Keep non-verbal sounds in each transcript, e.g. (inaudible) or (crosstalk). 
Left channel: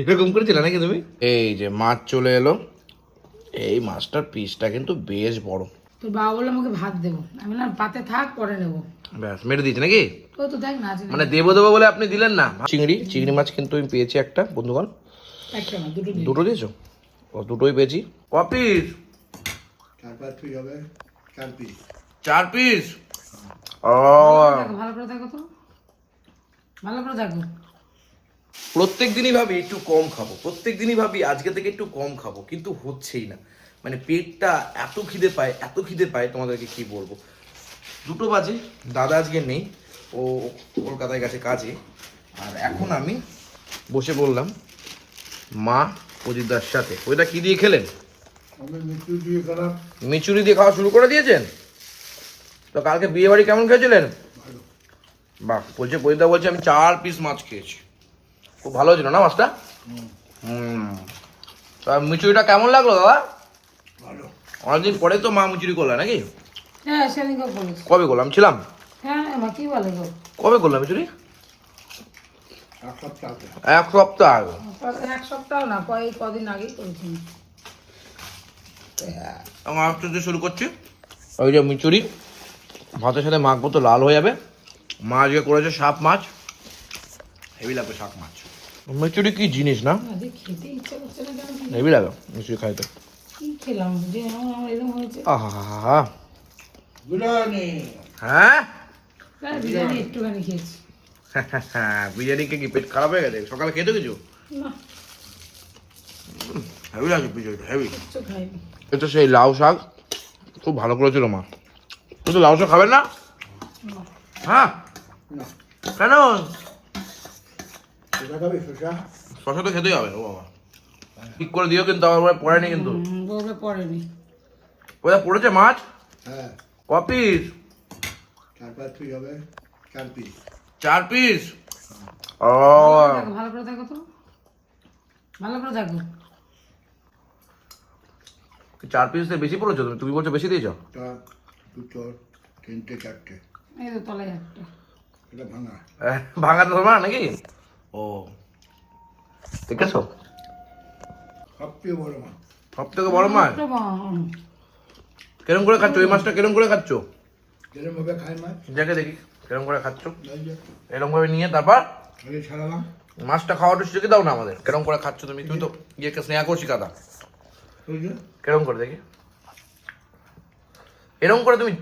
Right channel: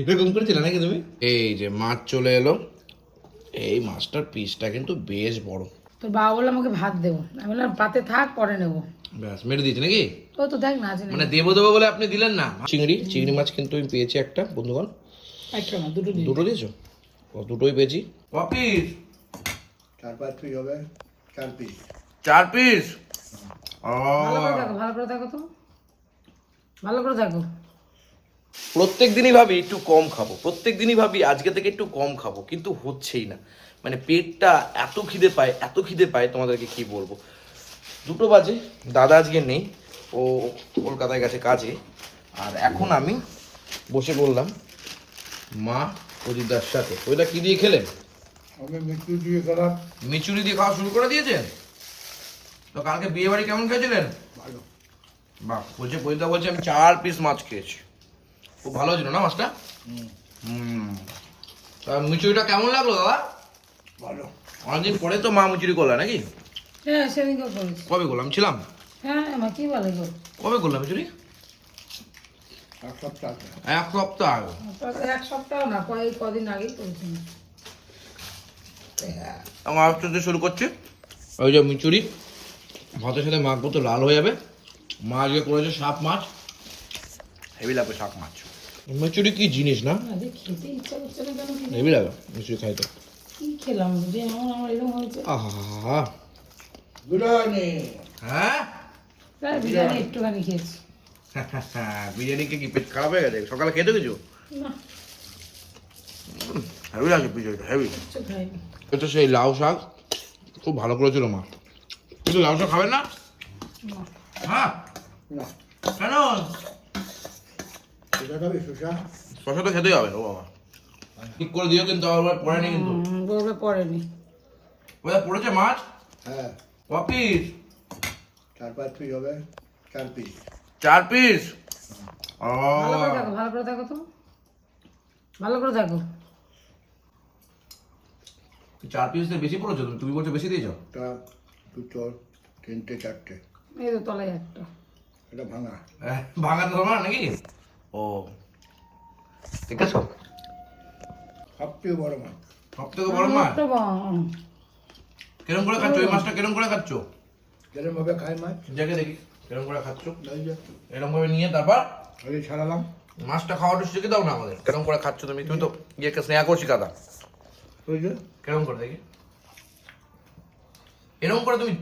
এরকম করেছিলে নাকি তুমি? এই যে মাছ চলে এলো। এই মাছটার পিসটা কিন্তু বেশ বড়। তোর বাবা বলল আমাকে ভাত দেবো। আমি বললাম পাতে থাক পরে নেব। ব্যাস মেরে দিয়েছে নাকি? ও তো দেখ না আছে মানে দেবো দেবো বলে আপনি দিলেন না? চিংড়ি চিংড়ি মাছ কিন্তু আমি পেয়েছি একটা বন্ধুগণ। একটা না দুটো দুটো দিয়েছ? ও দুটোই পেয়েছি। ক পিস চার পাঁচ পিস হবে। চার পিস চার পিস ও। ভালো তো ভালো করে দেখো। প্রত্যেক দিনই ভাবি একটু কম খাব। প্রত্যেক দিনই ভাবি আজকে থেকে একটু কম খাব কিন্তু হচ্ছেই না। মানে পেটটা এত খিদে পায় এত খিদে পায় তোমাদেরকে কি বলব? দুটো বাজে দাদা আজকে নেই ও কলকাতায় গেছে কাজে। আর এখন আমি বসে বললাম মা অজিতদার সাথে। ওইটা কি দিয়ে খেলেন? আমি দিয়ে গেলাম মিচুরি দিয়ে খাওয়া শুরু করে দিয়েছেন? তো কালকে বিয়ে বাড়ি কেমন খেয়েছিলেন? বাহ বলছে বইদা বলছে আমি চার পিস মাছ খেয়েছি। খুব ভালো ছিল না মাছটা? হুম। তা মিচুরিটা কেমন লাগল দাদা? ভালো। অনেকদিন পরে তো মা মুচুরি করলা নাকি? হ্যাঁ সেদিনকে করেছি কবে করলাম? ছিলাম। হ্যাঁ আমার কি বলে গো? কবে করলাম মিচুরি এক সপ্তাহ আগে। এক সপ্তাহ না কয়েক কদিন আগেই করেছি। আমার শুরু করছি। ওই যে মিচুরি ভাতের সাথে মাখবো তো লাল হয়ে যাবে। মা আজকে করেছে সাপ মাছ? হেভি লাগবে শাক মাছ। মিচুরি কি জিনিস না? হেভি লাগে মিচুরি খাইতে। কি খেলাম? যে এমন আমার এরকম হয়েছে। আহা। বিরিয়ানি। হ্যাঁ? বিরিয়ানি কে কি পেট খারাপ হয়ে গেছে? সকালে খেতে কিছু? হেভি লাগে বিরিয়ানিটা হেভি এটা সেই লাউ শাক। খুব ভালো করেছিল মা। কিন্তু লাউ শাক খাবেন না? না। হ্যাঁ। না। কেন? খাবি শসা? শশা তো খেতেই হবে ও বাবা। ঠিক করে দিও কিন্তু আমার পড়েনি কিন্তু। বলবে পড়েনি। ওটা পড়েছে মাছ? হ্যাঁ। ক পিস চার পাঁচ পিস হবে চার পিস চার পিস ও। ভালো করে দেখো, তো। ভালো করে দেখো। চার পিস বেশি পড়েছো তুমি? তুমি বলছো বেশি দিয়েছ? দুটো তিনটে চারটে। এই তো তলায় একটা। এটা ভাঙা। ভাঙা তো তোমার নাকি? ও ঠিক আছে সবচেয়ে বড় মাছ। সব থেকে বড় মাছ কেরম করে খাচ্ছ? এই মাছটা কেরম করে খাচ্ছ? ভাবে খায় মাছ। দেখে দেখি কেরম করে খাচ্ছ? এই এরকম ভাবে নিয়ে তারপর এই ছাড়ালাম। মাছটা খাওয়াটা শিখে দাও না আমাদের। কেরম করে খাচ্ছ তুমি? তুমি তো ইয়েকে স্নেহা করছি কাদা। কেরম করে দেখি। এরকম করে তুমি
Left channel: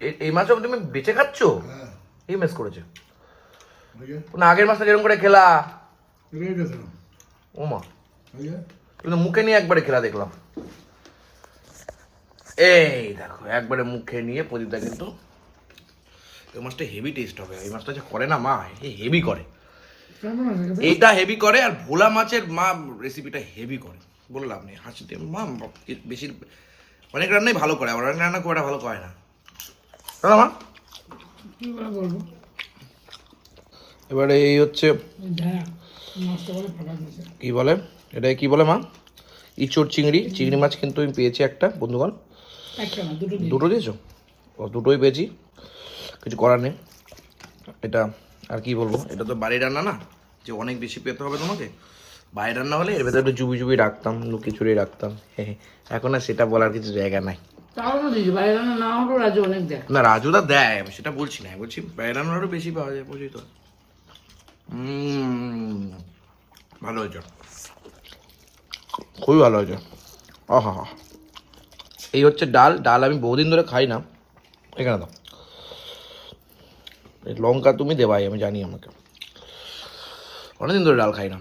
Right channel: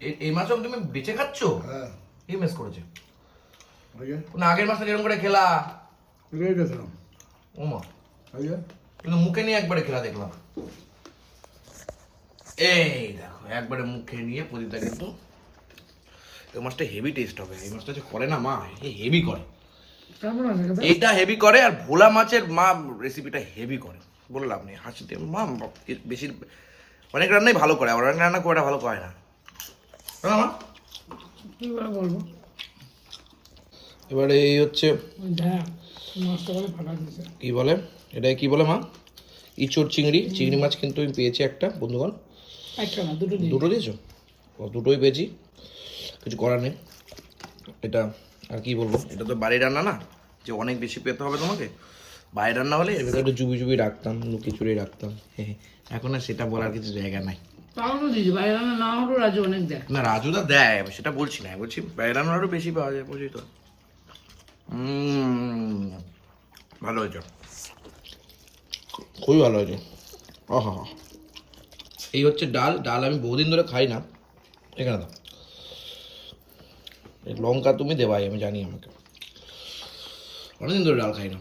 এই মাছটা তুমি বেঁচে খাচ্ছ হ্যাঁ। এই মেস করেছে? না আগের মাছটা যেরকম করে খেলা। এগুলোই ও মা। কিন্তু মুখে নিয়ে একবারে খেলা দেখলাম। এই দেখো একবারে মুখে নিয়ে প্রদীপটা কিন্তু এই মাছটা হেভি টেস্ট হবে। এই মাছটা যে করে না মা হেভি করে? এইটা হেভি করে আর ভোলা মাছের মা রেসিপিটা হেভি করে। বললাম নি হাসিতে মা বেশি অনেক রান্নাই ভালো করে অনেক রান্না করে ভালো করে না তাই না মা কি করে বলব এবারে এই হচ্ছে কি বলে? এটা কি বলে মা? ইচড় চিংড়ি। চিংড়ি মাছ কিন্তু আমি পেয়েছি একটা, বন্ধুগণ। দুটো দিয়েছ? দুটোই পেয়েছি। কিছু করার নেই। এটা আর কি বলব? এটা তো বাড়ির রান্না না? যে অনেক বেশি পেতে হবে তোমাকে? বাইরের রান্না হলে এর ভেতরে একটু জুবি জুবি রাখতাম লুকি চুরি রাখতাম। (laughs) এখন আর সেটা বলার কিছু জায়গা নাই। তাও তো দিয়েছি বাইরে না হলেও রাজু অনেক দেয়। না রাজুদা দেয় আমি সেটা বলছি না বলছি বাইরের রান্না আরও বেশি পাওয়া যায় বুঝলি তো? ভালো হয়েছে। খুবই ভালো হয়েছে। আহা হা এই হচ্ছে ডাল ডাল আমি বহুদিন ধরে খাই না। এখানে দাও। এই লঙ্কা তুমি দেবাই আমি জানি আমাকে। অনেকদিন ধরে ডাল খাই না।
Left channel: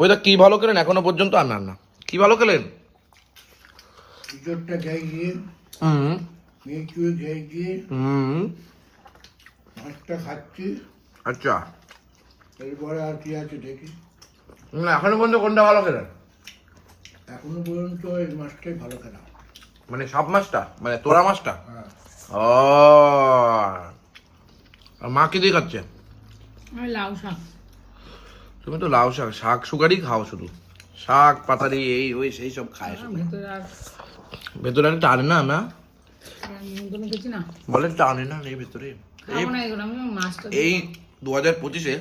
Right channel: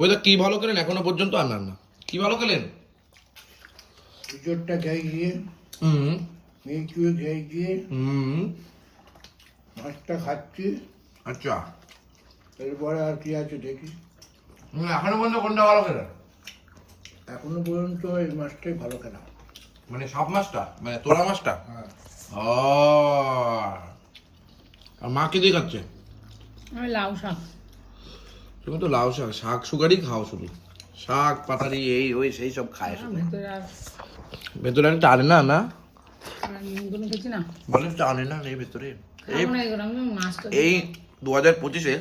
ওইটা কি ভালো খেলেন? এখনও পর্যন্ত আর না না। কি ভালো খেলেন? খেয়ে গিয়ে হুম। খেয়ে হুম। মাছটা খাচ্ছি। আচ্ছা। এরপরে আর কি আছে দেখি। না, এখনও পর্যন্ত কোনটা ভালো খেলেন এখনও পর্যন্ত এই মাছটাই ভালো খেলাম। মানে সাপ মাছটা? মানে তোরা মাছটা? হ্যাঁ। ও। আর মা কি দিয়ে খাচ্ছে? লাউ শাক। তুমি তো লাউ শাক শাক সুগারই খাও শুধু। শাক পাতারি এই ওই সেই সব খায় শুধু। ভেতরে আর টানে না না বলে টানে না এই ভেতরে। এই দু হাজার পঁচিশে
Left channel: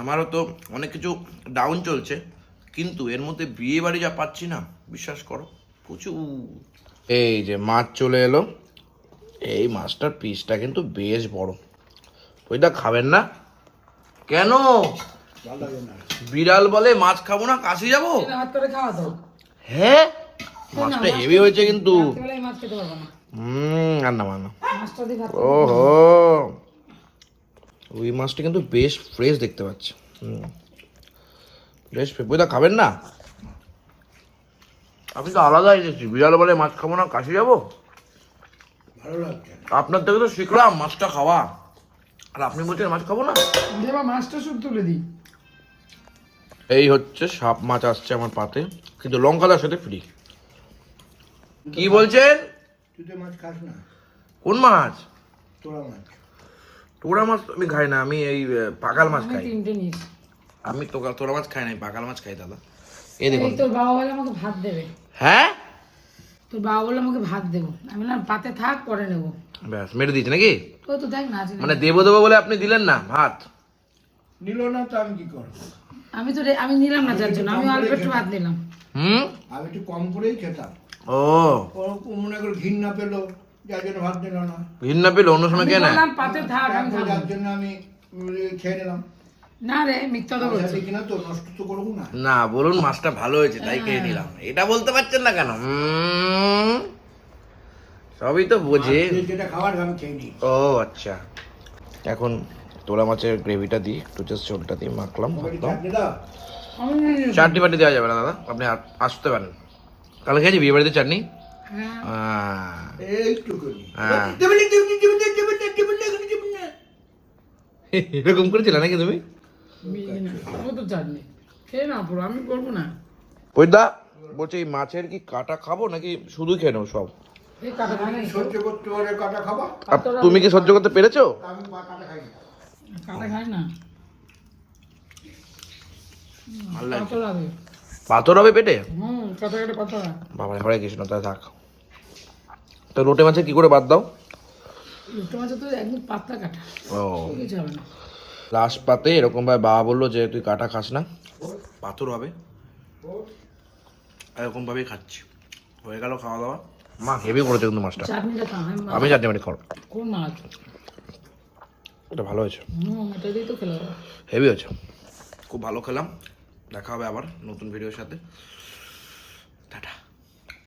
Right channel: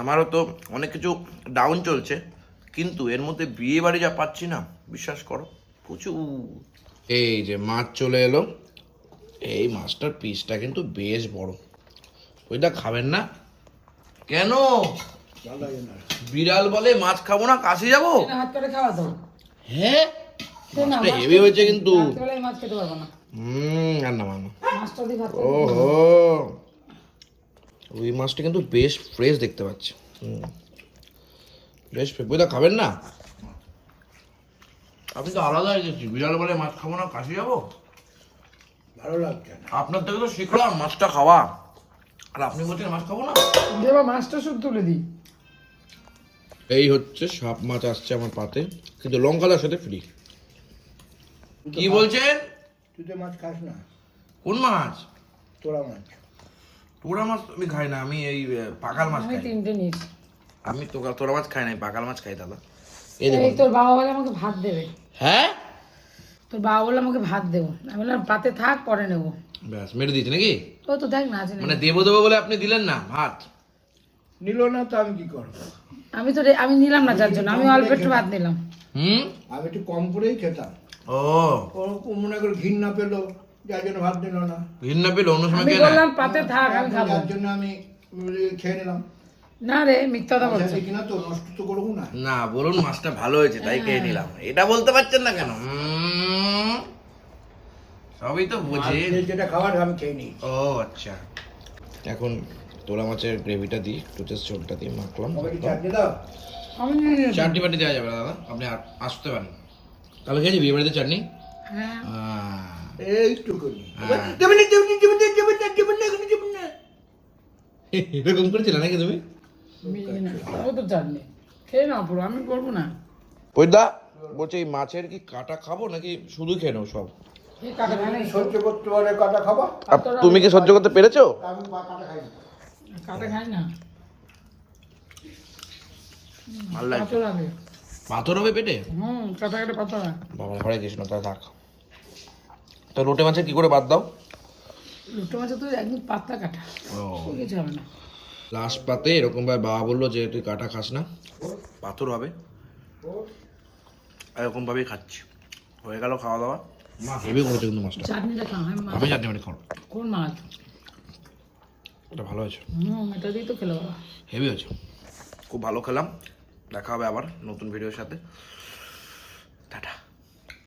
আমারও তো অনেক কিছু ডাউন চলছে কিন্তু এর মধ্যে বিয়ে বাড়ি যা পাচ্ছি না বিশ্বাস করো প্রচুর। এই যে মাছ চলে এলো এই মাছটার পিসটা কিন্তু বেশ বড়। ওইটা খাবেন না? কেন? বিড়াল বলে মাছ খাব না কাশি যাব? হ্যাঁ? মাছটা হেভি হয়েছে কিন্তু। না। হুম বান্না। মাছটা দিয়ে ওহো। রুই মাছটা কিন্তু বেশ ফ্রেশ দেখতে পাচ্ছি। হুম। বেশ পেপুদা খাবেন না? আপনি তো আলাদা এসেছি। বিড়াল বলে মাছ খাব না কাশি যাব? ভালো লাগছে। আপনার থেকে তো শিখলাম মাছটা খাওয়া। আর আপনি বলছেন মাছ খাব না? মাছটা শুধু তুলে দিই। এই হচ্ছে সাপ মাছ আসছে আমার পাতে। কিন্তু লঙ্কাদার সাথে ফ্রি কি বলছেন তুই তো মাছ খাস না। কোন মাছ? তোরা মাছ। তোরা মাছ তো আমি খাই না আমি এই পাকাল মাছ আমি খাই। তিনটে নিয়েছি। আমি তোরা তোরা মাছ খাই না পাকাল মাছ খাই দাদা। এই এই তোর বাবা বলে আমাকে ভাত দেবে। হ্যাঁ? তোর বাবা বলে আমাকে ভাত দেবো। আমি বললাম পাতে থাক পরে নেব। ব্যাস মেরে দিয়েছে নাকি? ও তো দেখ না আছে মানে দেবো দেবো বলে আপনি দিলেন না ভাত? নিল না তো আমি কি করব? আমি তো রে- আমি নিলাম না যার জন্য। আমি অল্প একটু ভাত নিলাম। হুম? আমি একটু কম করেই খেতাম। ও। মনে করে ঘৃণা পেল যার জন্য ভাত দিল না। পেলে অন্য সময় আমি খেয়ে বললাম পাতে থাক আমি এখন খাব। যার জন্য আমি খেয়ে নিলাম। না রে বলছি। দেখি না তো নষ্ট তো করব না। না বলুন মাছটা ভালো হয়েছে তাই খেয়ে নিলাম। এটা বলতে পারছেন না কেন? সবই তো বুঝি। যেটা খাবার আমি খেয়ে নিই। ও আচ্ছা। এখন তোলা মাছের গ্রেভিটা দিই একটু জাস্ট ঝোলটা দিয়ে মাখলাম। চাটনি। চাটনি পাটি দেওয়া যাবে না দাদা। আপনি আসতে পারেন। কাল খেয়েছি বিয়ে বাড়িতে চাটনি। হ্যাঁ। হ্যাঁ। এরকম করেছিল নাকি তুমি? মিলিয়ে না। ও তো চাটনি খেয়ে না পুরো আমি করব না। ওইদা বলছে এই মাছের কি কাটা খাব নাকি শুধু খেয়ে নেব সব? এই কাটা ভাঙে সহ্য করতে পারে কাটা খাবা? আপ- তুমি কি সহ্য করতে পেরেছ? কাটা খাই না। পাথর হবে পেটে? হুম কাটা কাটা পাথর বাবা ঘরে কৃষ্ণ তাই থাক। তো লোটে মাছের কি করে বাদ দাও? লুটো মাছের তো একদম পাতলা কাটা। ও। লাস্ট পাতে এরকম ভাবে বাবা বলল যে তুই কাটা খাস না। পাথর হবে। এরকম ভাবেই খাচ্ছি। হয়ে গেল খাওয়া দাওয়া। মা হেভি করেছে কিন্তু মাছটা। আমি মা- আমি চাটনি মাটি খাব। কোন মাছ? এটা ভালো হয়েছে। হুম এটা দিয়ে তো খেলো হেভি হয়েছে। খুব ভালো খেলাম। দেখা হবে আবার নতুন ভিডিওর সাথে।